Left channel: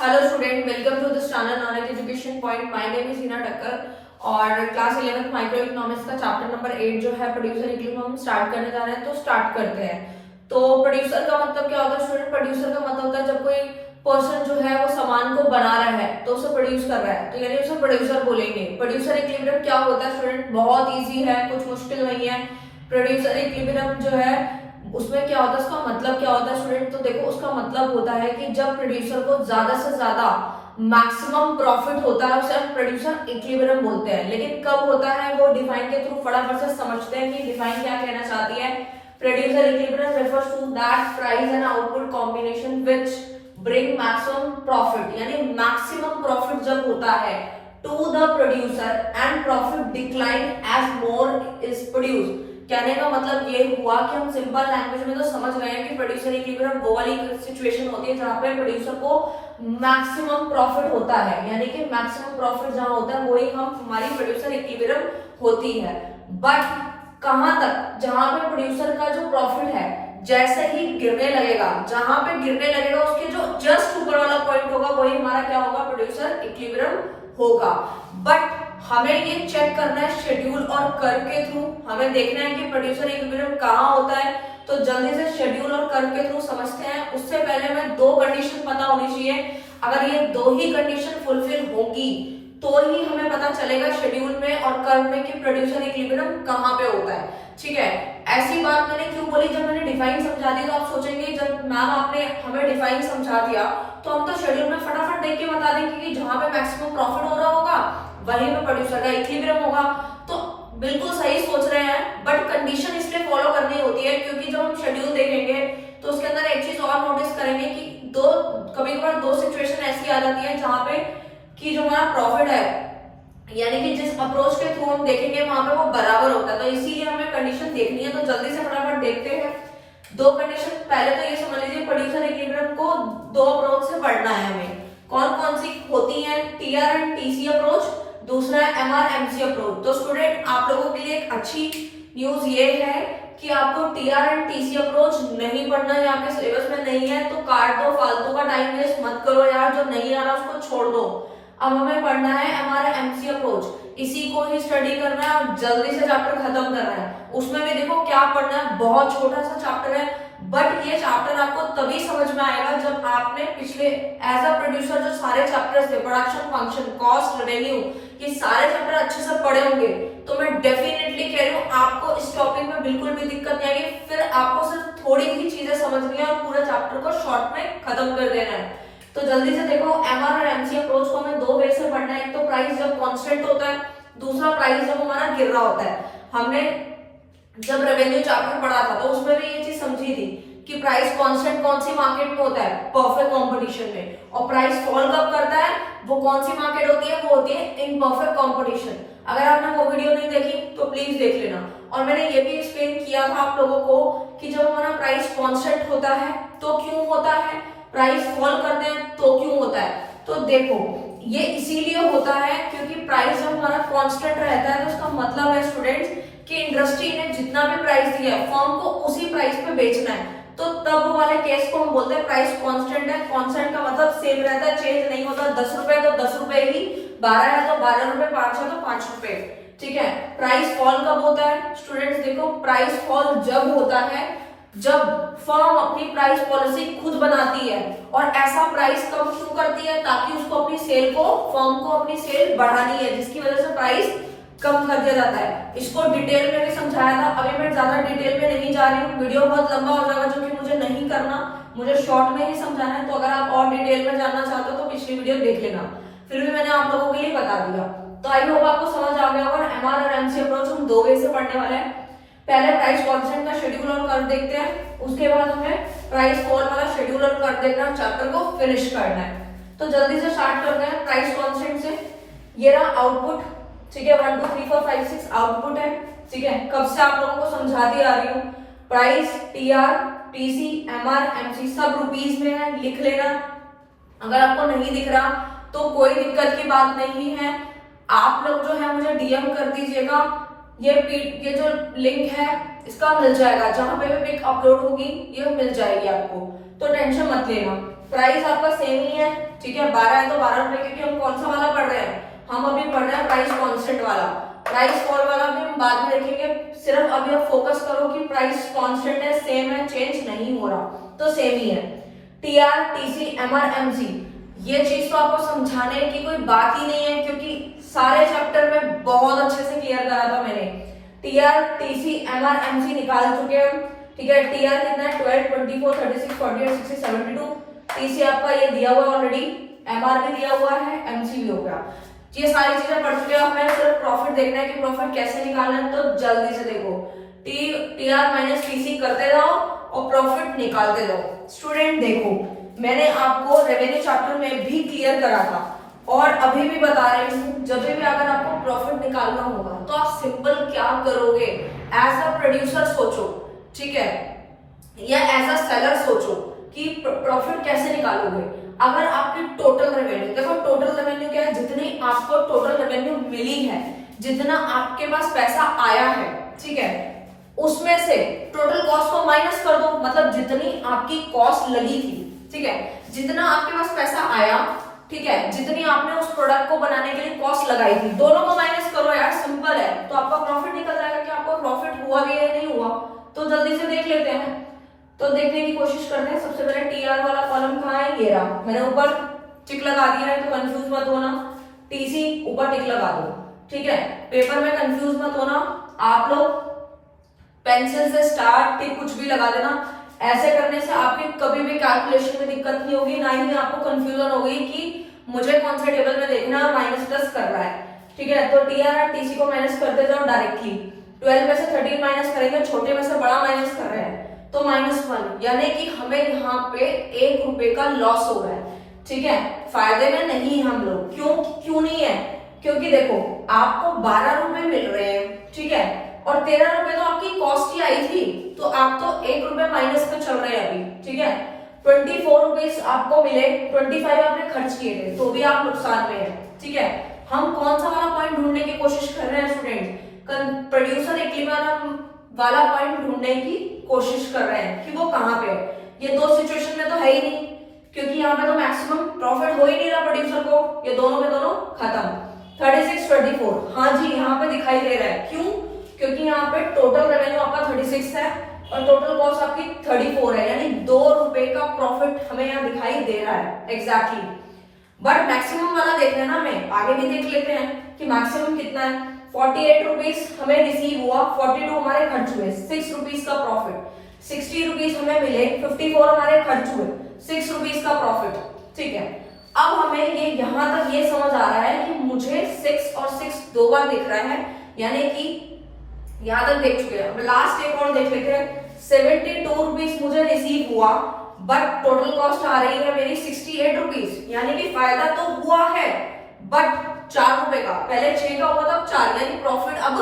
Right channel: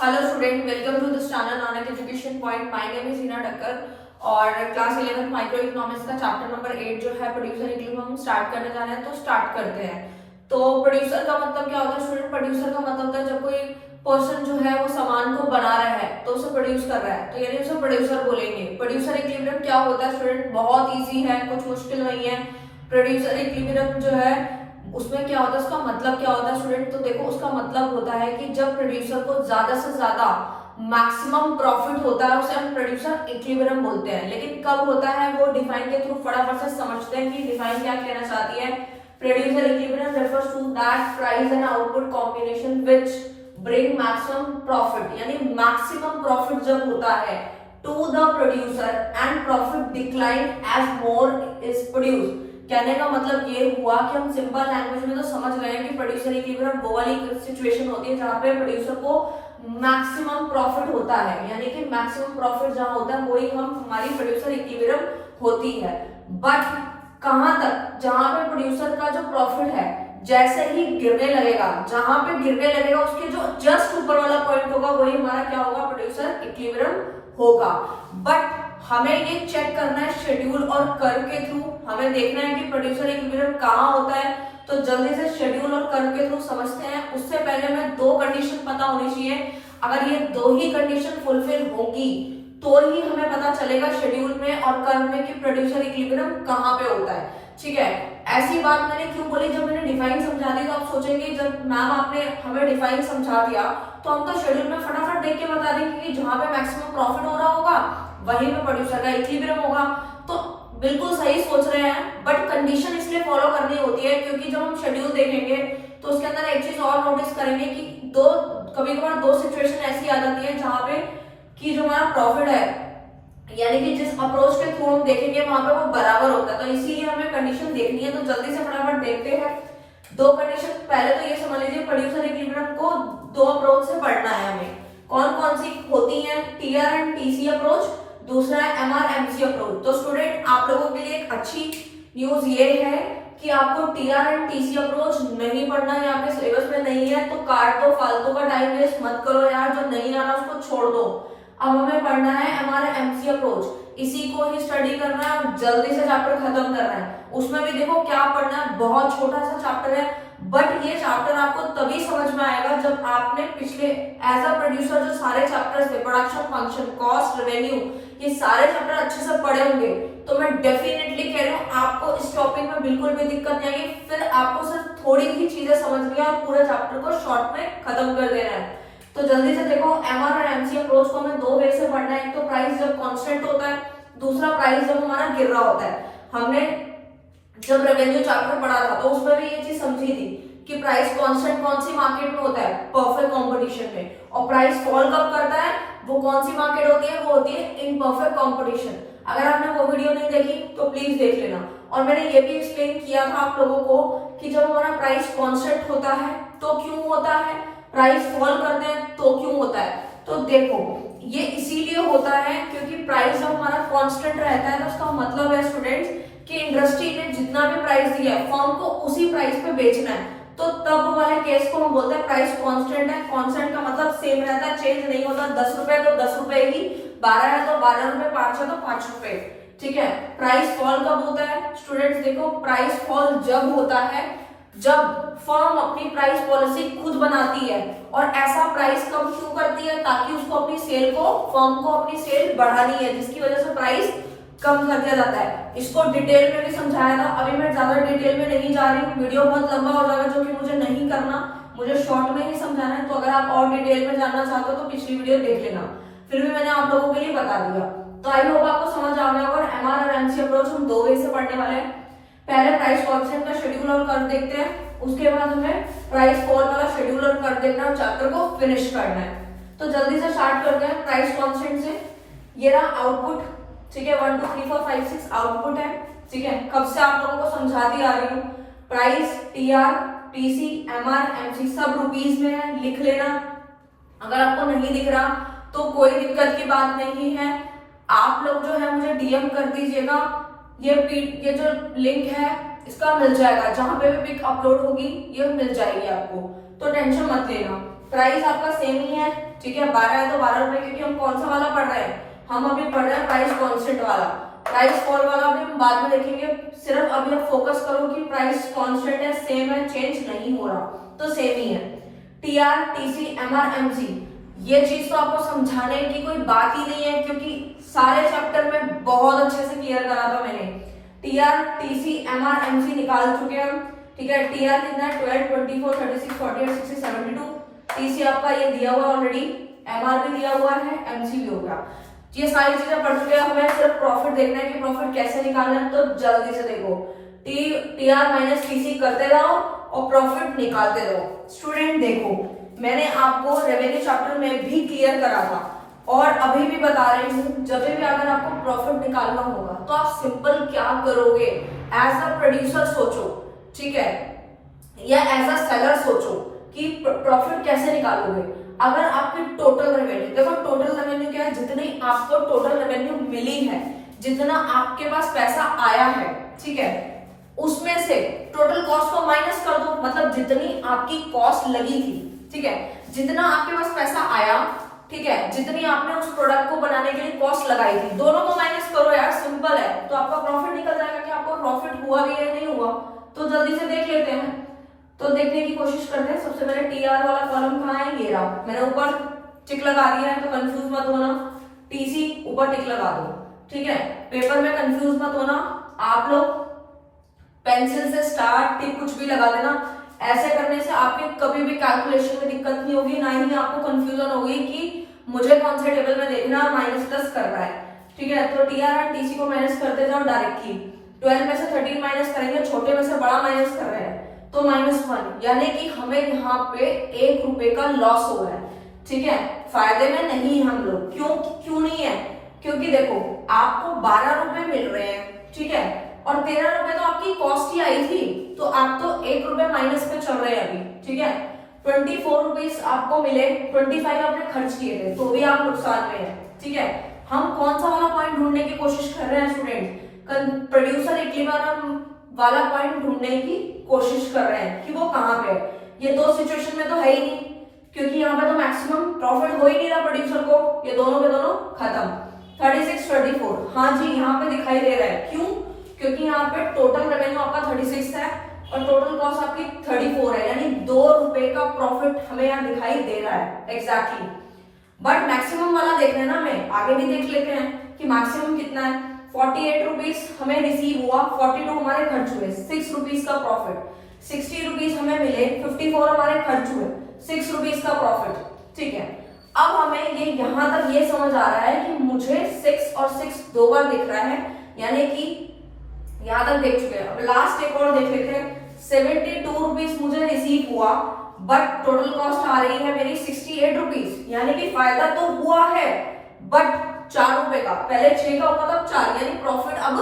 Hello student, welcome to this channel non education point. My name is Hina Takkar और class 11 microeconomics का chapter number 8 जो है producer equilibrium हम start करने जा रहे हैं। तो स्टार्ट करते हैं। तो प्रोड्यूसर का मतलब क्या होता है स्टूडेंट? प्रोड्यूसर का मतलब होता है जब कोई पर्सन जो है वो सामान को बना रहा है तो उसे प्रोड्यूस कर रहा है, तो यानी उसे प्रोड्यूसर बोलेंगे। प्रोड्यूसर इक्विलिब्रियम क्या होता है स्टूडेंट? बहुत ईजी है, कुछ मुश्किल नहीं है। प्रोड्यूसर इक्विलिब्रियम जो है उसमें क्या होता है, उसका मतलब क्या होता है स्टूडेंट? तो देखो, उसका मतलब होता है कि जब प्रोड्यूसर को ज्यादा से ज्यादा मैक्सिमम प्रॉफिट होता है उसे हम प्रोड्यूसर इक्विलिब्रियम बोलते हैं। लेकिन कब होता है वो डिफाइन के थ्रू फटाफट से समझते हैं कि डिफाइन क्या कहना चाहती है। Producer equilibrium refers to that price and output combination which bring maximum profit, यानी मैक्सिमम प्रॉफिट जब होता है to the producer and profit decline as more is produced. कहने का मतलब ये हुआ कि हम सिंपल लैंग्वेज में तो समझ गए हैं कि प्रोड्यूसर इक्विलिब्रियम वो वाली सिचुएशन होती है जहां पे प्रोड्यूसर को मैक्सिमम प्रॉफिट होता है, यानी कि मैक्सिमम प्रॉफिट जहां होता है वही हम हमारी प्रोड्यूसर इक्विलिब्रियम होती है। बट कहां तक? जहां पे प्रोड्यूसर का जो प्रॉफिट है जैसे ही गिरने लगेगा, जहां पे गिरने लगेगा उसके जो जस्ट ऊपर वाला पॉइंट होगा वही हमारा क्या होगा? प्रोड्यूसर इक्विलिब्रियम होगा। बट हमें ये चेक करना है शेड्यूल और कर्व के थ्रू। हमें देखना है कि प्रोड्यूसर इक्विलिब्रियम कहाँ होता है। तो जल्दी से शेड्यूल और कर्व के थ्रू समझते हैं। उससे पहले हमें दो कंडीशन पता होनी चाहिए। अगर ये दो ही कंडीशन फुलफिल होगी तो ही हमें पता चलेगा शेड्यूल में और कर्व में कि प्रोड्यूसर इक्विलिब्रियम कहाँ पे होता है। ठीक है, ऐसी बात मैंने क्यों बोली? जब मैंने डिफाइन समझा दी तो आप सोचेंगे जब मैम आपने हमें डिफाइन समझा दिया तो हम तो शेड्यूल में फटाफट देख के बता देंगे कि जहां पे मैक्सिमम प्रॉफिट हो रहा होगा वहीं पे प्रोड्यूसर का इक्विलिब्रियम होगा। तो बिल्कुल सही सोच रहे हैं, बट कंडीशन इसलिए फॉलो करनी होती है क्योंकि जब हम शेड्यूल देखेंगे तो उसके अंदर एक चीज और नोटिस करेंगे कि कभी कभार दो सिचुएशन ऐसी आ जाती है जहां पे कि जो हमारा प्रॉफिट है यानी कि जिस अप्रोच के थ्रू हम देखेंगे वहां पे वो बराबर होता है। तो इसीलिए हमें कंडीशन देखनी है। तो जल्दी से फटाफट देखते हैं दो कंडीशन। पहले तो ये समझ लीजिए प्रोड्यूसर इक्विलिब्रियम को दो अप्रोच से पढ़ना है हमें। कौन कौन सी होती है? टीआर एंड टीसी अप्रोच, दूसरा है एमआर-एमसी अप्रोच। तो स्टूडेंट आप लोगों के लिए एक अच्छी न्यूज ये है कि आपको टीआर एंड टीसी अप्रोच नहीं पढ़ना है, यहाँ पे सिलेबस में नहीं है। तो काट दो, फालतू का टाइम वेस्ट मत करो यार, जो नहीं आ रहा उसको छोड़ दो। अब हमें पढ़ना है एमआर-एमसी अप्रोच, इसी को ही स्टडी करना है और जल्दी से चैप्टर खत्म करना है। उसमें भी देखो क्या पढ़ना है, बहुत छोटा सा चैप्टर है, बट ये चैप्टर आपको तभी समझ में आएगा जब आपने पिछले एज अ प्रोड्यूसर जो सारे चैप्टर्स थे, प्रोडक्शन, फंक्शन, कॉस्ट, रेवेन्यू, ये सारे चैप्टर अच्छे से पढ़े होंगे। तो मैं डेफिनेटली कह रही हूँ आपको इस टॉपिक में बिल्कुल भी दिक्कत नहीं आएगी। फिर आपको सिर्फ थोड़ी ही चीजें समझनी है और पूरे चैप्टर को शॉर्ट में खत्म कर देना है। तो जल्दी से देखो, एमआर और एमसी अप्रोच को हमें दो वे से पढ़ना है। एक तो प्राइस जब कांस्टेंट होता है, दूसरा प्राइस जब हमारा गिर रहा होता है। हमने जब रेवेन्यू चैप्टर पढ़ा था तो उसमें भी ये चीज समझी थी कि प्राइस कांस्टेंट कौन सी मार्केट में होता है? परफेक्ट कंपटीशन में। और प्राइस फॉल कब करता है? वो कौन सी मार्केट होती है? वो होती है इम्परफेक्ट कंपटीशन। अगर आपने वो वीडियो नहीं देखी तो प्लीज देख लेना। और मैंने ये भी एक्सप्लेन किया था आप लोगों को कि जब हमारा प्राइस कांस्टेंट होता है तो क्यों होता है, प्राइस फॉल करते हैं तो क्यों होता है। तो देखो, ये इसीलिए होता है क्योंकि प्राइस जब हमारा कांस्टेंट रहता है तो उसका मतलब है स्टूडेंट्स कि इंडस्ट्री ने जितना भी प्राइस दिया है फर्म को उसी प्राइस पे बेचना है। तो तब वाले केस को हम बोलते हैं प्राइस कांस्टेंट है। कांस्टेंट का मतलब सेम रहता है, चेंज नहीं होता। 10 रुपए तो 10 रुपए ही, 12 है तो 12 रुपए, 5 है तो 5 रुपए। ठीक है। प्राइस फॉल कब होता है स्टूडेंट्स? देखो, प्राइस फॉल जब होता है जब फर्म अपनी प्राइस पॉलिसी खुद बनाती है। और ऐसा प्राइस कम क्यों करती है? ताकि उसको अपनी सेल को, फर्म को अपनी सेल बढ़ानी है, जिसकी वजह से प्राइस कम कर दिया जाता है। इसको डिटेल में भी समझाया था, अभी मैं ज्यादा डिटेल में नहीं जा रही हूँ, वीडियो बहुत लंबा हो जाएगा जो कि मुझे नहीं करना, मुझे शॉर्ट में ही समझाना है। तो अगर आप और डिटेल में जानना चाहते हो तो पिछली वीडियो देख लेना। फिर भी मैंने आप लोगों के लिए बता दिया। तो आई होप आपको समझ आ गया होगा। एमआर और एमसी अप्रोच हम दो वे से पढ़ने वाले हैं। पहले प्राइस कांस्टेंट का शेड्यूल और कर्व देखते हैं, उसके बाद हमें प्राइस फॉल वाला शेड्यूल और कर्व देखना है, चैप्टर को फिनिश करना है। तो जल्दी से स्टार्ट करते हैं प्राइस कांस्टेंट से। ये रहा आउटपुट, ठीक है, 1 2 3 4 5 6 आउटपुट है। ठीक है, कब से आप लोगों को समझाती आ रही हूँ। Price, TR, TC, MR, MC सब रुपीस में है, लिख लेना। अगर आपको नहीं दिख रहा तो कोई दिक्कत की बात नहीं है, आप लोग जो है मुझे डीएम कर दीजिएगा। ये जो लिंक है इसका मिल जाएगा, जहां पे भी पिक अपलोड होगी ये मिल जाएगी आपको, तो टेंशन मत लेना। प्राइस आपका सेम ही है, ठीक है, 12 है तो 12 रुपए, क्योंकि हम कौन सा वाला पढ़ रहे हैं, हम अभी पढ़ रहे हैं प्राइस कांस्टेंट वाला। प्राइस फॉल वाला भी हम बाद में देखेंगे, सिर्फ अभी आप फोकस करो कि प्राइस कांस्टेंट है, सेम है, चेंज नहीं हो रहा, तो सेम ही है। टीआर, टीसी, एमआर, एमसी, ये चीज तो आपको समझाने की कोई बात ही नहीं है, क्योंकि सारे चैप्टर में बहुत अच्छे से क्लियर करा था मैंने। टीआर, टीसी, एमआर, एमसी निकाल चुके हम, ठीक है। टीआर कितना है, 12, 24, 36, 48, 60, 72। टीसी आपका ये दिया हुआ ऑलरेडी, एमआर भी दिया हुआ है, एमसी भी हो गया। ये सारी चीजें पढ़ चुके हैं, हमें सिर्फ प्रॉफिट देखना है कि प्रॉफिट कैसे निकालना है। तो जल्दी से देखो, टीआर माइनस टीसी करते रहो और प्रॉफिट निकालते रहो। स्टूडेंट देखो, मैंने आपको रेवेन्यू चैप्टर में भी क्लियर करा था और अभी भी बता रही हूँ, जब भी अगर आपको प्रॉफिट निकालना होगा तो आप सिंपल क्या करोगे, एज अ प्रोड्यूसर सोचो, ठीक है, या एज अ सेलर सोचो कि प्रॉफिट कैसे निकालोगे। अगर आपकी टोटल रेवेन्यू, देखो टोटल रेवेन्यू क्या है, जितनी आपको टोटल रेवेन्यू मिली है, जितना आपके पास पैसा आया है, ठीक है, उसमें से टोटल कॉस्ट को माइनस कर दो, मतलब जितनी आपकी कॉस्ट लगी थी, ठीक है, जितना आपके पास पैसा आया, ठीक है, जितनी आपने उस प्रोडक्ट को बनाने के लिए कॉस्ट लगाई थी, दोनों को माइनस करो यार, सिंपल है, तो आपका प्रॉफिट निकल जाएगा कि आपको प्रॉफिट हुआ भी या नहीं हुआ। तो जल्दी से देख लेते हैं, तो देखने की कोशिश करते हैं। सबसे पहले टीआर वाला कॉलम कहाँ है, ये रहा, मैंने ऊपर टिक लगा दिया है, तो कंफ्यूज मत होना, टीसी ऊपर टिक लगा दो, ठीक है, पेपर में कंफ्यूज मत होना, आप लोग पेंसिल से स्टार टिक कुछ भी लगा देना, ऐसे करने से आपके कभी भी कैलकुलेशन में दिक्कत नहीं होगी, ना ही आपको कंफ्यूजन होगी कि मुझे कौन से टेबल में देखना है, -10 कर रहा है, ठीक है। तो टीआर और टीसी को माइनस करते जाओ डायरेक्टली, 12 में से 13 माइनस करेंगे, छोटे में से बड़ा माइनस कर रहे हैं, तो -1, यानी कि हमें यहाँ पे 1 रुपए का लॉस हो रहा है, ठीक है, फायदे में नहीं हम लोग। क्यों नहीं है, क्योंकि देखो आपको 12 रुपए मिल रहे हैं, ठीक है, और 13 रुपए तो आपकी कॉस्ट ही आई थी, तो आप तो 1 रुपए माइनस पे चल रहे हैं अभी, ठीक है। 24 रुपीज आपको मिले, 25 आपने खर्च किए थे, तो भी आप नुकसान में है, ठीक है। हम कौन सा वाला पॉइंट ढूंढने की कोशिश कर रहे हैं स्टूडेंट, प्रोड्यूसर इक्विलिब्रियम वाला पॉइंट ढूंढने की कोशिश कर रहे हैं कि वो कहां पे है। ये दो सिचुएशन में तो है ही नहीं, क्योंकि यहाँ पे तो मैक्सिमम प्रॉफिट हो ही नहीं रहा प्रोड्यूसर को, ये दोनों के दोनों खत्म। 36, 24, हाँ जी यहाँ पे दिखाई दे रहा है, क्यों, क्योंकि यहाँ पे टोटल रेवेन्यू आपका 36 है और टोटल कॉस्ट आपकी 34 है, यानी 2 रुपए का प्रॉफिट हमें यहाँ दिखाई दे रहा है एग्जैक्टली। बट मैक्सिमम वाला देखना है ना, हमें आगे भी देख लेते हैं कि मैक्सिमम कितना है। 48 रुपीज हमें रिसीव हुआ, 42 हमारे खर्च हुए, 6 रुपीज का प्रॉफिट। 60 रुपीज हमें मिले, 54 हमारे खर्च हुए, 6 रुपीज का प्रॉफिट, ठीक है। अब हमें ये यहां तक ये समझ आ रहा है कि मुझे 6 और 6 दो बार दिख रहा है, यानी कि यहां तक देख चुके हैं। अब लास्ट एक और देख लेते हैं, 72 रुपीज मुझे रिसीव हुआ, बट टोटल कॉस्ट आ रही है मेरी 68 रुपीज, यानी कि फायदा तो हुआ है बट 4 रुपए का, पहले 6 का हुआ था, अब 4, यानी प्रॉफिट अब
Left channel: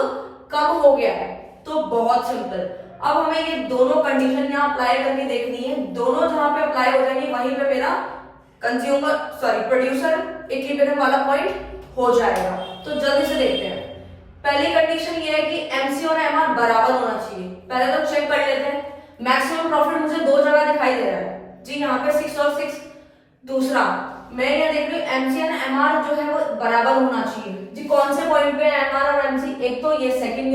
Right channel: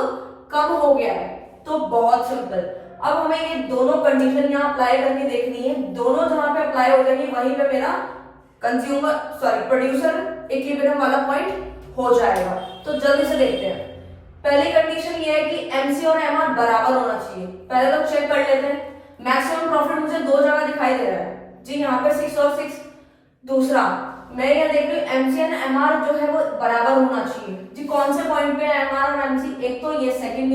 कम हो गया है। तो बहुत सिंपल, अब हमें ये दोनों कंडीशन यहाँ अप्लाई करके देखनी है, दोनों जहां पे अप्लाई हो जाएंगी वहीं पे मेरा प्रोड्यूसर इक्विलिब्रियम वाला पॉइंट हो जाएगा। तो जल्दी से देखते हैं। पहली कंडीशन ये है कि एमसी और एमआर बराबर होना चाहिए, पहले तो चेक कर लेते हैं। मैक्सिमम प्रॉफिट मुझे दो जगह दिखाई दे रहा है जी, यहाँ पे 6 और 6। दूसरा मैं यहाँ देख रही हूँ एमसी एंड एमआर जो है वो बराबर होना चाहिए जी। कौन से पॉइंट पे एमआर और एमसी, एक तो ये सेकंड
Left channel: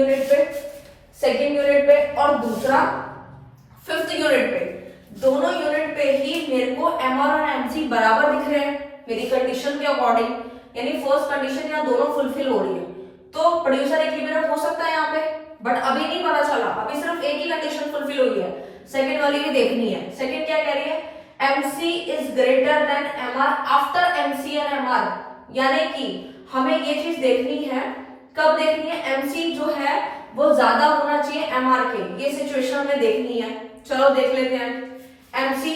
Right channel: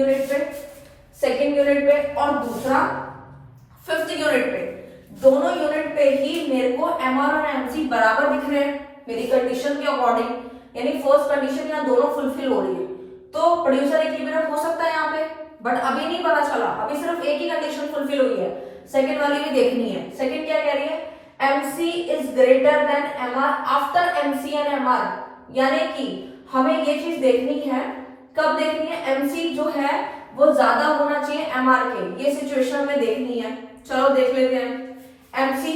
यूनिट पे और दूसरा 5th यूनिट पे, दोनों यूनिट पे ही मेरे को एमआर और एमसी बराबर दिख रहे हैं मेरी कंडीशन के अकॉर्डिंग, यानी फर्स्ट कंडीशन यहाँ दोनों फुलफिल हो रही है। तो प्रोड्यूसर इक्विलिब्रियम हो सकता है यहाँ पे, बट अभी नहीं पता चला, अभी सिर्फ एक ही कंडीशन फुलफिल हुई है, सेकंड वाली भी देखनी है। सेकंड क्या कह रही है, MC is greater than MR after MC and MR, यानी कि हमें ये चीज देखनी है, कब देखनी है, MC जो है वो ज्यादा होना चाहिए MR के, ये सिचुएशन हमें देखनी है। चलो देख लेते हैं MC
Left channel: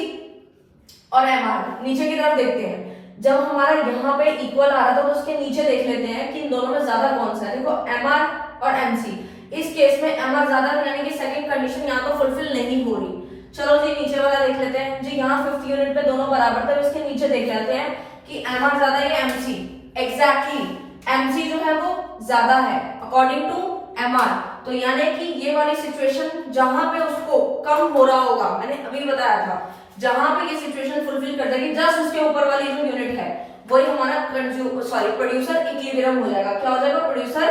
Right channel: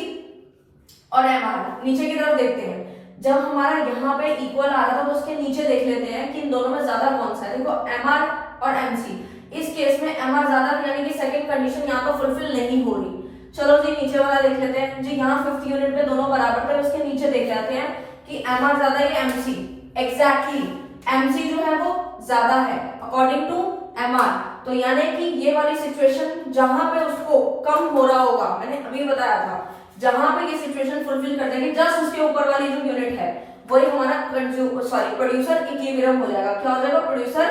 और MR, नीचे की तरफ देखते हैं। जब हमारा यहाँ पे इक्वल आ रहा था तो उसके नीचे देख लेते हैं कि इन दोनों में ज्यादा कौन सा है। देखो MR और MC, इस केस में MR ज्यादा, यानी कि सेकंड कंडीशन यहाँ पर फुलफिल नहीं हो रही। चलो जी नीचे वाला देख लेते हैं जी, यहाँ 5th यूनिट पे दोनों बराबर थे, इसके नीचे देख लेते हैं कि MR ज्यादा है या MC। एग्जैक्टली MC जो है वो ज्यादा है अकॉर्डिंग टू MR, तो यानी कि ये वाली सिचुएशन जहां पे उसको कम हो रहा होगा, मैंने अभी बताया था जहां पे ये सिचुएशन फुलफिल कर देगी जस्ट उसके ऊपर वाली जो यूनिट है वही हमारा प्रोड्यूसर इक्विलिब्रियम हो जाएगा। क्या हो जाएगा? Producer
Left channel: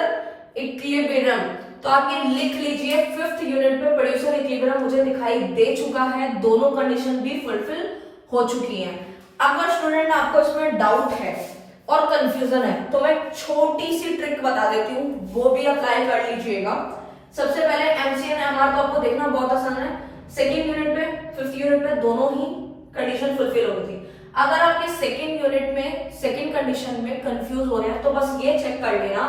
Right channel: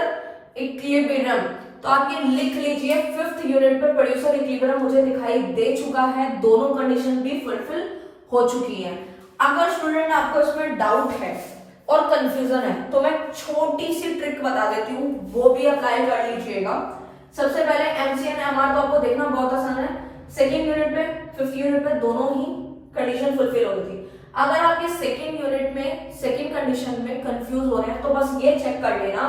equilibrium. तो आप ये लिख लीजिए, 5th यूनिट पे प्रोड्यूसर इक्विलिब्रियम मुझे दिखाई दे चुका है, दोनों कंडीशन भी फुलफिल हो चुकी है। अगर स्टूडेंट आपको इसमें डाउट है और कंफ्यूजन है तो मैं छोटी सी ट्रिक बता देती हूँ, वो भी अप्लाई कर लीजिएगा। सबसे पहले एमसीएन एमआर तो आपको देखना बहुत आसान है। सेकेंड यूनिट पे 5th यूनिट पे दोनों ही कंडीशन फुलफिल हो गई थी। अगर आप ये सेकेंड यूनिट में सेकेंड कंडीशन में कंफ्यूज हो रहे हैं तो बस ये चेक कर लेना,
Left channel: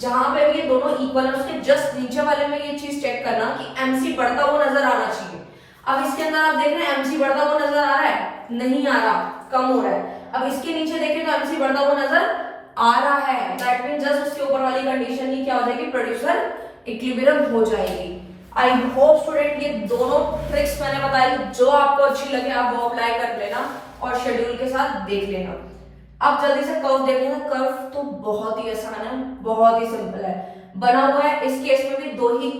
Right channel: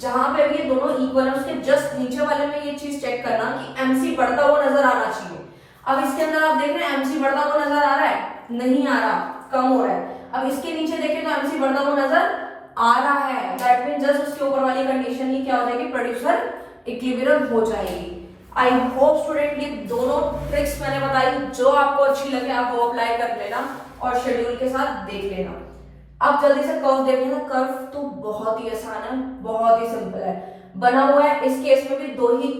जहां पे ये दोनों इक्वल है उसके जस्ट नीचे वाले में ये चीज चेक करना कि एमसी बढ़ता हुआ नजर आना चाहिए। अब इसके अंदर आप देख रहे हैं एमसी बढ़ता हुआ नजर आ रहा है? नहीं आ रहा, कम हो रहा है। अब इसके नीचे देखें तो एमसी बढ़ता हुआ नजर आ रहा है, दैट मीन जस्ट उसके ऊपर वाली कंडीशन ही क्या हो जाएगी? प्रोड्यूसर इक्विलिब्रियम हो जाएगी। आई होप स्टूडेंट ये दोनों ट्रिक्स मैंने बताई, जो आपको अच्छी लगे आप वो अप्लाई कर लेना और शेड्यूल के साथ देख लेना। अब जल्दी से कर्व देख लेना। कर्व तो बहुत ही आसान है, बहुत ही सिंपल है, बना हुआ है। इस केस में भी दो ही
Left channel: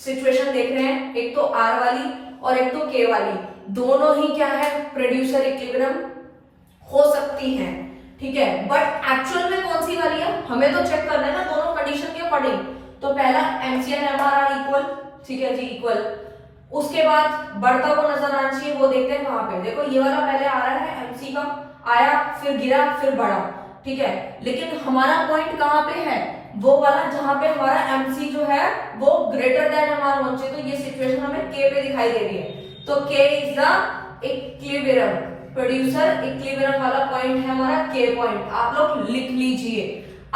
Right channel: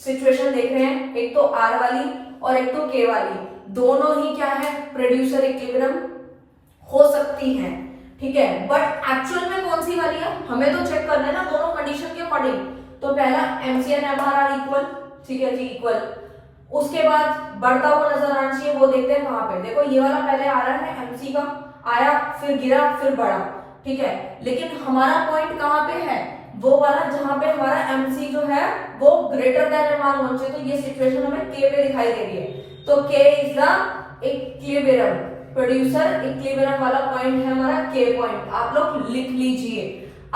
सिचुएशन देख रहे हैं, एक तो आर वाली और एक तो के वाली, दोनों ही क्या है? प्रोड्यूसर इक्विलिब्रियम हो सकती हैं, ठीक है। बट एक्चुअल में कौन सी वाली है हमें तो चेक करना है ना दोनों कंडीशन के अकॉर्डिंग। तो पहला एमसीएन एमआर आर इक्वल, ठीक है जी, इक्वल। उसके बाद बढ़ता हुआ नजर आना चाहिए, वो देखते हैं कहां पे। देखो ये वाला पहले आ रहा है एमसी का, आया फिर गिरा फिर बढ़ा, ठीक है। लेकिन हमारा पॉइंट कहां पे है? वो वाला जहां पे हमारा एमसी जो है वो ग्रेटर देन एमआर होना चाहिए। तो ये सिचुएशन हमें के पे दिखाई दे रही है, तो के is the equilibrium, producer equilibrium वाला पॉइंट है हमारा के पॉइंट। आप लोग लिख लीजिए,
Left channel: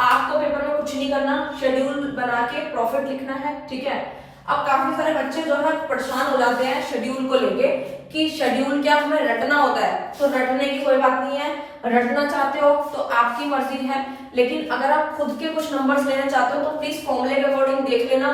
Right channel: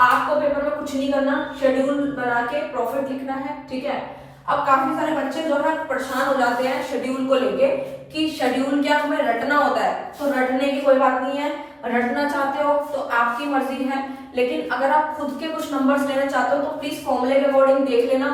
आपको पेपर में कुछ नहीं करना, शेड्यूल बना के प्रॉफिट लिखना है, ठीक है। अब काफी सारे बच्चे जो है परेशान हो जाते हैं शेड्यूल को लेके कि शेड्यूल क्या हमें रटना होता है। तो रटने की कोई बात नहीं है, रटना चाहते हो तो आपकी मर्जी है, लेकिन अगर आप खुद के कुछ नंबर्स लेना चाहते हो तो प्लीज फॉर्मूले के अकॉर्डिंग देख लेना,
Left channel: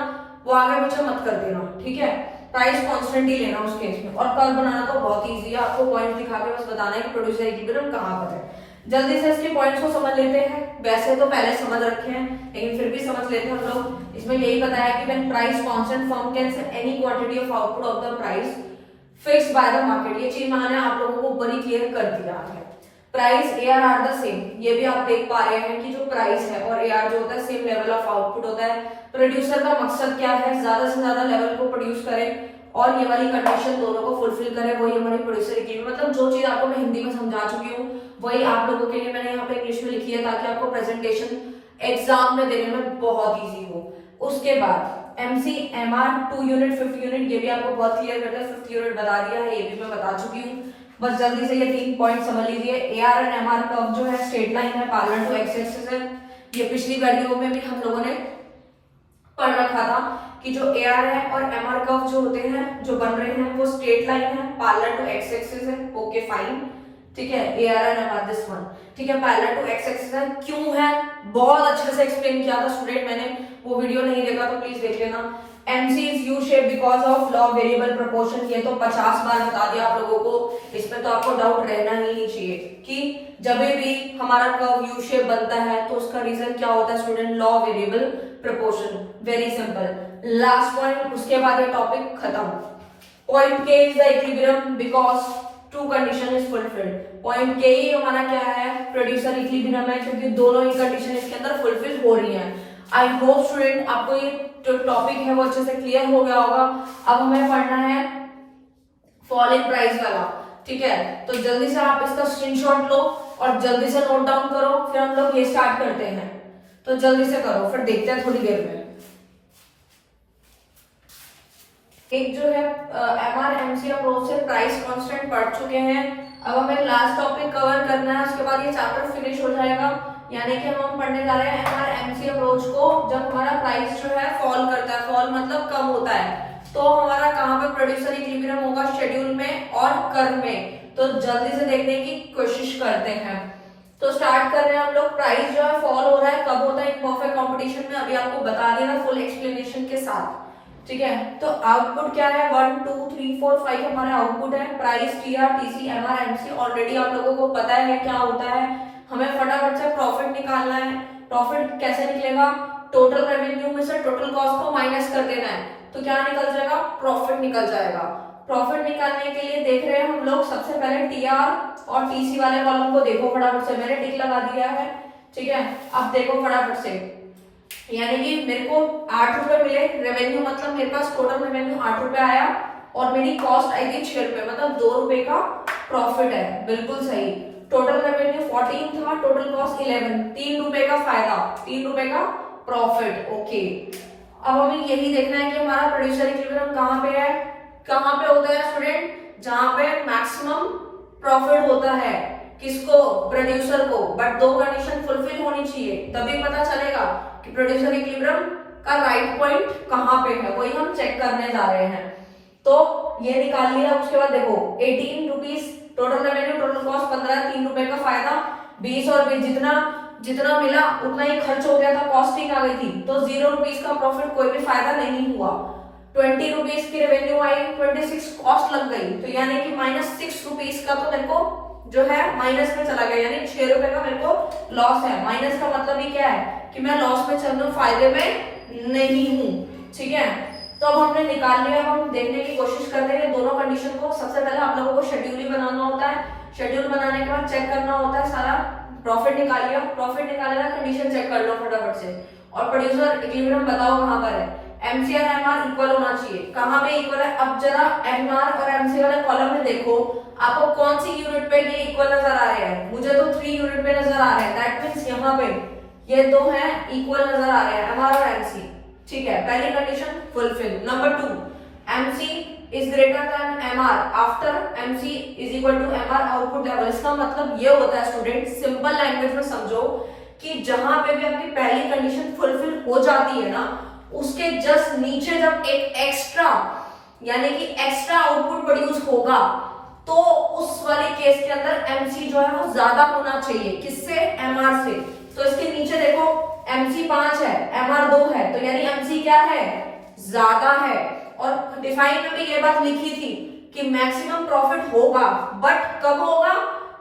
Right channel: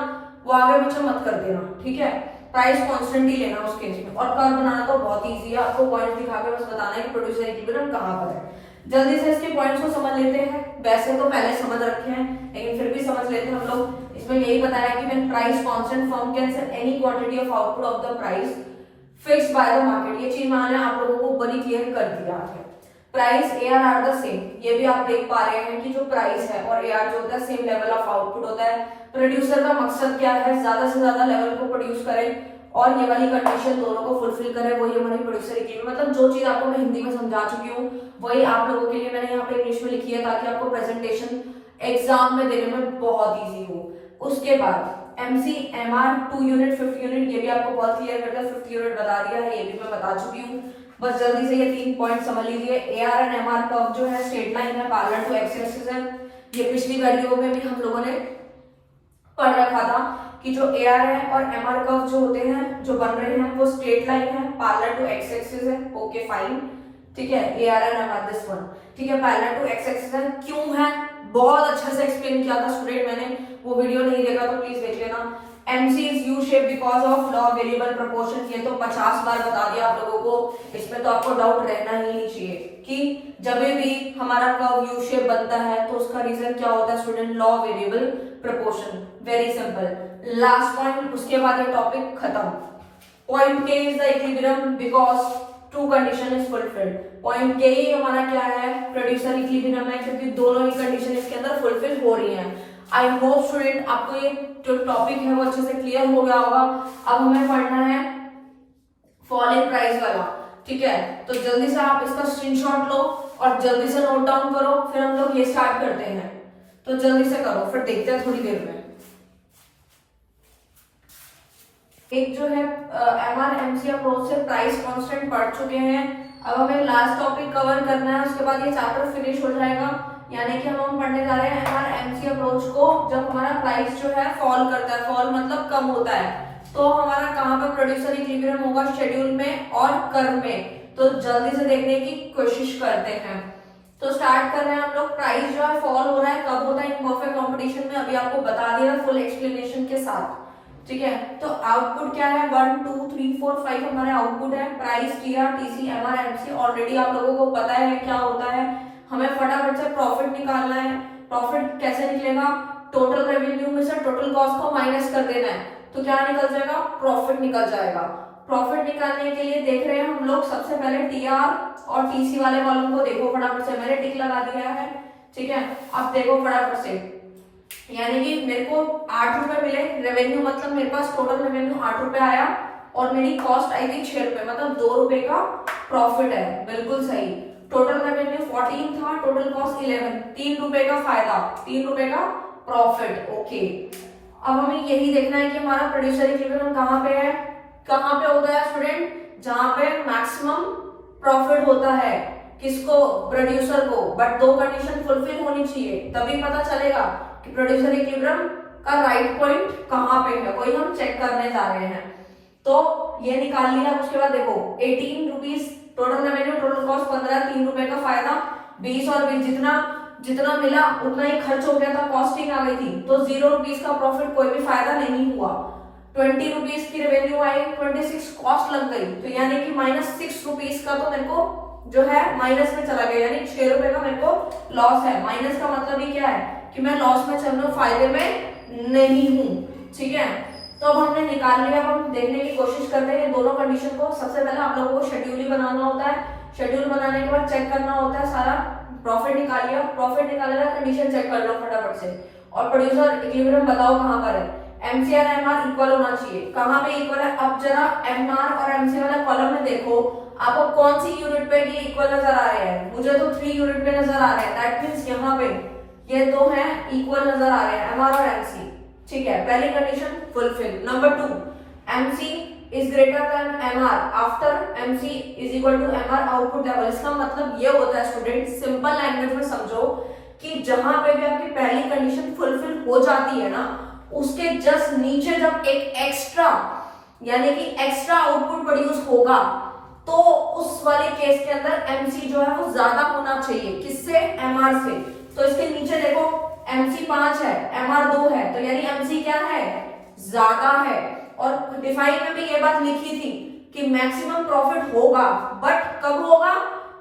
वो आगे पीछे मत कर देना, ठीक है। प्राइस कांस्टेंट ही लेना उस केस में। और कर्व बनाना तो बहुत इजी है, आपको पॉइंट दिखा के बस बताना है कि प्रोड्यूसर इक्विलिब्रियम कहां पर है। जल्दी से इसके पॉइंट्स को समझ लेते हैं। वैसे तो पहले समझ रखे हैं लेकिन फिर भी समझ लेते हैं हम लोग। इसमें यही बताया कि when price constant firm can sell any quantity of output of the price fixed by the market. ये चीज मैंने आप लोगों को ऊपर ही क्लियर कर दिया है। Price AR are the same, ये भी आप देख पा रहे हैं कि जो प्राइस है और एआर जो होता है सेम लेवल ऑफ आउटपुट होता है। प्रोड्यूसर का मकसद क्या है? ज्यादा से ज्यादा लेवल को प्रोड्यूस करे और ये वाली कंडीशन दोनों को फुलफिल करे, वही हमारी प्रोड्यूसर इक्विलिब्रियम। मतलब जो चीज आपको मैं हिंदी में समझा चुकी हूँ वही आप लोगों के लिए मैंने यहाँ पे इंग्लिश में लिखी है ताकि आपको प्रेजेंटेशन एग्जाम में देने में बहुत इजी हो। उसके बाद MC MR 2 unit 5th unit, ये भी आपको बहुत क्लियर करके 5th यूनिट बता दिया है, ये भी मैं बता चुकी हूँ। बस जल्दी से ये 3 पॉइंट समझ लीजिए। एआर एंड एमआर कर्व जो है स्ट्रेट लाइन है, पैरेलल टू एक्स एक्सिस है। ये पिछली वीडियो में भी हम लोगों ने पढ़ रखा था कि जो एआर है और एमआर कर्व जो होते हैं जो बन रहे हैं वो स्ट्रेट लाइन है, पैरेलल टू एक्स एक्सिस है। ओके फाइन, ठीक है। AR and MR this one, ठीक है, पैरेलल टू एक्स एक्सिस है। क्यों है? बहुत अच्छे से एक्सप्लेन किया था स्टूडेंट, मैंने वो वीडियो नहीं देखा तो प्लीज देख लेना। MC is U shape because of law variable proportion, ये तो 50 बार बता दिया आप लोगों को, इसमें तो आपको डाउट रहना ही नहीं चाहिए कि जब भी हमारा कर्व U shape बनता है तो उसका रीजन क्या होता है student? Law variable proportion. Very simple. Last point, उसके बाद ये टॉपिक खत्म। Point K is the equilibrium because two condition is fulfilled। Point K ही हमारा क्या है? प्रोड्यूसर इक्विलिब्रियम है, क्योंकि दोनों ही कंडीशन इसके अंदर फुलफिल हो रही हैं। आई होप स्टूडेंट आपको ये जो टॉपिक है वो अच्छे से क्लियर हो गया होगा। अब हमें पढ़ना है फॉल इन प्राइस वाला, ठीक है। तो जल्दी से आप इसका स्क्रीनशॉट लो और जल्दी से नोट डाउन करो, फिर हम लोग ये स्टार्ट करते हैं। तो जल्दी से करो, फिर देखते हैं थोड़ी देर में। एक जो है एमआर एमसी अप्रोच से प्राइस कांस्टेंट पढ़ चुके हैं। अब हमें लास्ट टॉपिक कवर करना है, उसके बाद ये चैप्टर फिनिश हो जाएगा। यानी कि हम पढ़ने जा रहे हैं एमआर एमसी अप्रोच को जब हमारा प्राइस जो है फॉल करता है। फॉल मतलब कम होता है, तो हमारा कहाँ पर प्रोड्यूसर इक्विलिब्रियम होगा? शेड्यूल में और कर्व में। तो जल्दी से देखने की कोशिश करते हैं। तो स्टार्ट कर रहे हैं हम लोग। प्राइस जो है फॉल हो रहा है, कब होता है? इन परफेक्ट कॉम्पिटिशन में। अभी आपको बता दिया था फुल एक्सप्लेनेशन के साथ, ठीक है। तो आउटपुट क्या है? 1 2 3 4 5 हमारे आउटपुट है। Price TR TC MR MC already आप लोगों को पता है क्या होता है। हमें फटाफट से प्रॉफिट निकालना है। प्रॉफिट कैसे निकलेगा? टोटल रेवेन्यू में से टोटल कॉस्ट को माइनस कर देना है, तो क्या निकल जाएगा? प्रॉफिट निकल जाएगा। प्रॉफिट निकालने के लिए देख रहे हैं हम लोग, सबसे पहले टीआर और टीसी वाले कॉलम को देखो फटाफट से, मैंने टिक लगा दिया है, ठीक है। अब देखो फटाफट से, यानी कि मेरे को 8 रुपए मिले रेवेन्यू, मतलब मेरे पास टोटल रेवेन्यू 8 रुपए आया और मेरी कॉस्ट आई थी 6 रुपए, मतलब 2 रुपए का प्रॉफिट है, बिल्कुल सही। टोटल रेवेन्यू 14 था, टोटल कॉस्ट 11, 3 रुपए का फायदा, 3 रुपए का प्रॉफिट, ओके। अब हमें यही देखना है कि हमारा प्रोड्यूसर इक्विलिब्रियम कहाँ पे है, कहाँ पे होता है स्टूडेंट, जहां पे मैक्सिमम प्रॉफिट होता है, किसको, प्रोड्यूसर को, बट 2 कंडीशन फुलफिल होनी चाहिए, तभी पता चलेगा कि प्रोड्यूसर इक्विलिब्रियम का राइट पॉइंट कहाँ पे है, वही हम चेक करने जा रहे हैं। तो ये निकाल लिया, उसके बाद देखो 18 rupees total revenue, total cost 15, 3 रुपए का फायदा, 20 और 20 जितना मिला उतना ही खर्च हो गया था, कॉस्टिंग आ गई थी, तो 0 रुपीज का प्रॉफिट, कोई भी फायदा नहीं हुआ। 20 रुपीज की रेवेन्यू आई, 26 कॉस्ट लग गई, तो यानी कि -6 रुपीज का तो मेरे को जो है माइनस में चला गया, यानी 6 रुपए का मेरे को लॉस है। माइनस का मतलब ही क्या है कि मैं लॉस में चल रहा हूँ, फायदे में नहीं हूँ, ठीक है। तो अब हमने निकाल लिया, हम देखने की कोशिश करते हैं दोनों कंडीशन को। सबसे पहले आप लोगों को शेड्यूल ही बनाना होता है, शेड्यूल बनाने के बाद चेक करना होता है सारा। प्रॉफिट निकाल लिया, प्रॉफिट निकालना, कंडीशन चेक कर लो फटाफट से, और प्रोड्यूसर इक्विलिब्रियम बताओ कहाँ पर है। एमसी और एमआर इक्वल होना चाहिए, कहाँ पे इक्वल है, अब जरा एमआर और एमसी वाले कॉलम में देखो आपको कौन सी यूनिट पे ये इक्वल नजर आ रहे हैं। मुझे तो 3 यूनिट पे नजर आ रहे हैं, दैट मींस यहाँ पे ये 2 हैं इक्वल नजर आ रहे हैं, एमआर और एमसी, ठीक है। पहली condition fulfil. Number 2, MC is greater than MR after MC is equal to MR output level. इसका मतलब ये होता है स्टूडेंट, सिंपल लैंग्वेज में समझो कि जहां पे भी आपकी पहली कंडीशन फुलफिल हो जाती है ना, उसके जस्ट नीचे जब एक एक्स्ट्रा, यानी कि एक्स्ट्रा आउटपुट प्रोड्यूस होगा, तो उस वाले केस के अंदर एमसी जो है वो ज्यादा होना चाहिए, किससे, एमआर से। तो इसके नीचे देखो एमसी 5 है, एमआर 2 है, तो यानी एमसी क्या है, ज्यादा है। और डिफाइन में भी ये बात लिखी थी कि मैक्सिमम प्रॉफिट होगा, बट कब होगा,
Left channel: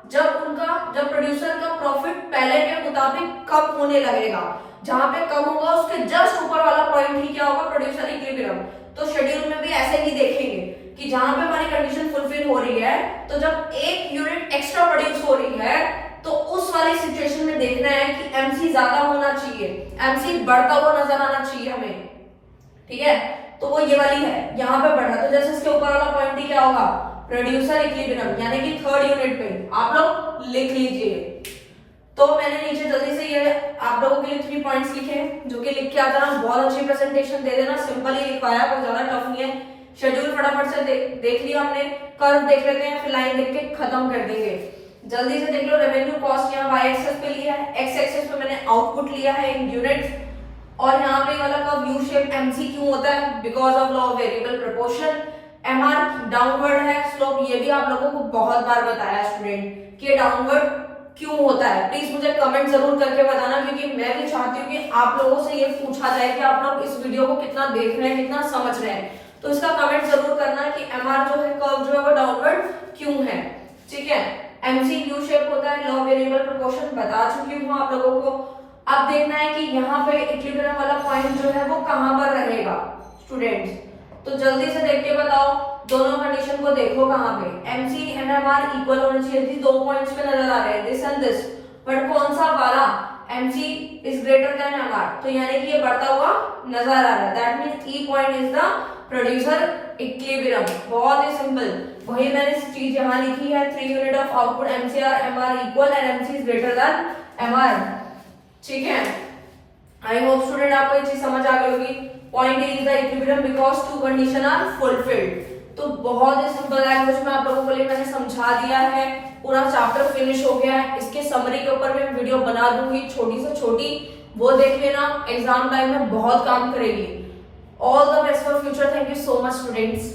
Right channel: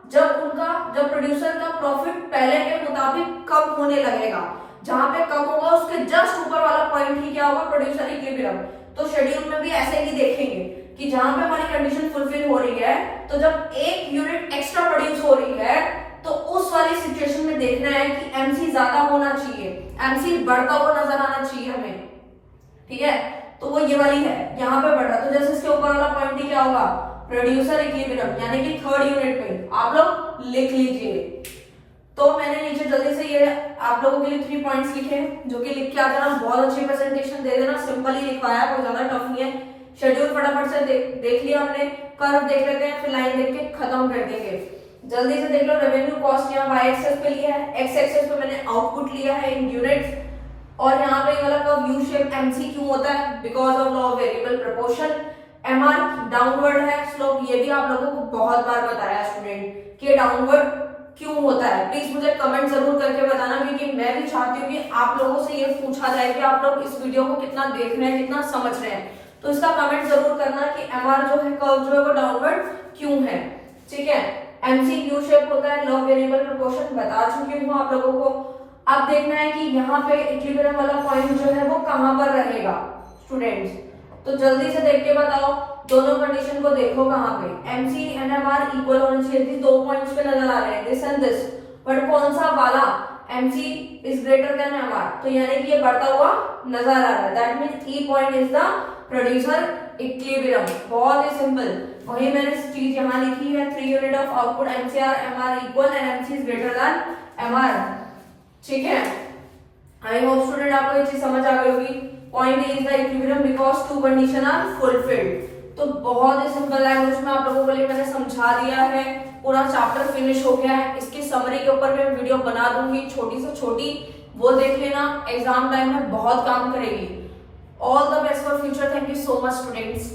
जब प्रोड्यूसर का प्रॉफिट पहले के मुताबिक कम होने लगेगा। जहां पे कम होगा उसके जस्ट ऊपर वाला पॉइंट ही क्या होगा, प्रोड्यूसर इक्विलिब्रियम। तो शेड्यूल में भी ऐसे ही देखेंगे कि जहां पे हमारी कंडीशन फुलफिल हो रही है, तो जब एक यूनिट एक्स्ट्रा प्रोड्यूस हो रही है, तो उस वाली सिचुएशन में देखना है कि एमसी ज्यादा होना चाहिए, एमसी बढ़ता हुआ नजर आना चाहिए हमें, ठीक है। तो वो ये वाली है, यहाँ पे बढ़ रहा, तो जैसे इसके ऊपर वाला पॉइंट ही क्या होगा, प्रोड्यूसर इक्विलिब्रियम, यानी कि 3rd यूनिट पे आप लोग लिख लीजिए। तो मैंने नीचे जल्दी से ये आप लोगों के लिए 3 पॉइंट्स लिखे, जो कि लिख के आ जाना, बहुत अच्छी प्रेजेंटेशन दे देना, सिंपल ही लिखवाया, कोई ज्यादा टफ नहीं है। शेड्यूल फटाफट से देख लिया हमने, कर्व देख लेते हैं, फिर लाइन देख के खत्म कर देंगे। जल्दी से देख लो, रेवेन्यू कॉस्ट यहाँ वाई एक्सेस पे लिया है, एक्स एक्सेस पे मैंने आउटपुट लिया है इन यूनिट्स, और यहाँ पे वाला कर्व यू शेप एमसी क्यों होता है, because of law of variable proportion. MR downward है स्लोप, ये भी आप लोगों को बहुत बार बताया स्टूडेंट कि डाउनवर्ड क्यों होता है। प्लीज मुझे कमेंट जरूर करके बताना, क्योंकि मैं भी चाहती हूँ कि आप लोगों से ये पूछा जाए कि आप लोग इस वीडियो को कितना देख रहे हैं, कितना समझ रहे हैं। तो इसका कमेंट जरूर करना कि एमआर जो है कर्व जो है वो डाउनवर्ड क्यों है, ठीक है। एमसी यू शेप होता है, लॉ वेरिएबल प्रोपोर्शन बता चुकी हूँ आप लोगों को। अब देखना है कि यहाँ पे इक्विलिब्रियम वाला पॉइंट जो है वो कहाँ पर रहेगा स्टूडेंट्स। तो जल्दी से देख के बताओ, दोनों कंडीशन को देखो कहाँ पे, एमसी एंड एमआर इक्वल होने चाहिए, थी 2 पॉइंट्स पे नजर आ रहे हैं, दिस एंड दिस, बट कौन सा वाला, MC is greater than MR, तो यानी कि ये बढ़ता हुआ नजर आ रहा है, that means E point is the producer equilibrium. बहुत ही सिंपल, वही मैंने चीज यहाँ लिखी है, 3 unit of output MCR MR equal and MC is greater than MR, ठीक है। आई होप स्टूडेंट आपको ये चीज समझ आ गई होगी। Point is the equilibrium because 2 condition are fulfilled. तो बहुत ही सिंपल लैंग्वेज में आप लोगों के लिए मैंने समझा दिया है, पूरा चैप्टर फिनिश हो गया है। इसके समरी के ऊपर मैं वीडियो बना दूंगी छोटी से छोटी, वो देख लेना, एग्जाम टाइम में बहुत काम करेगी। All the best for future, thank you so much students.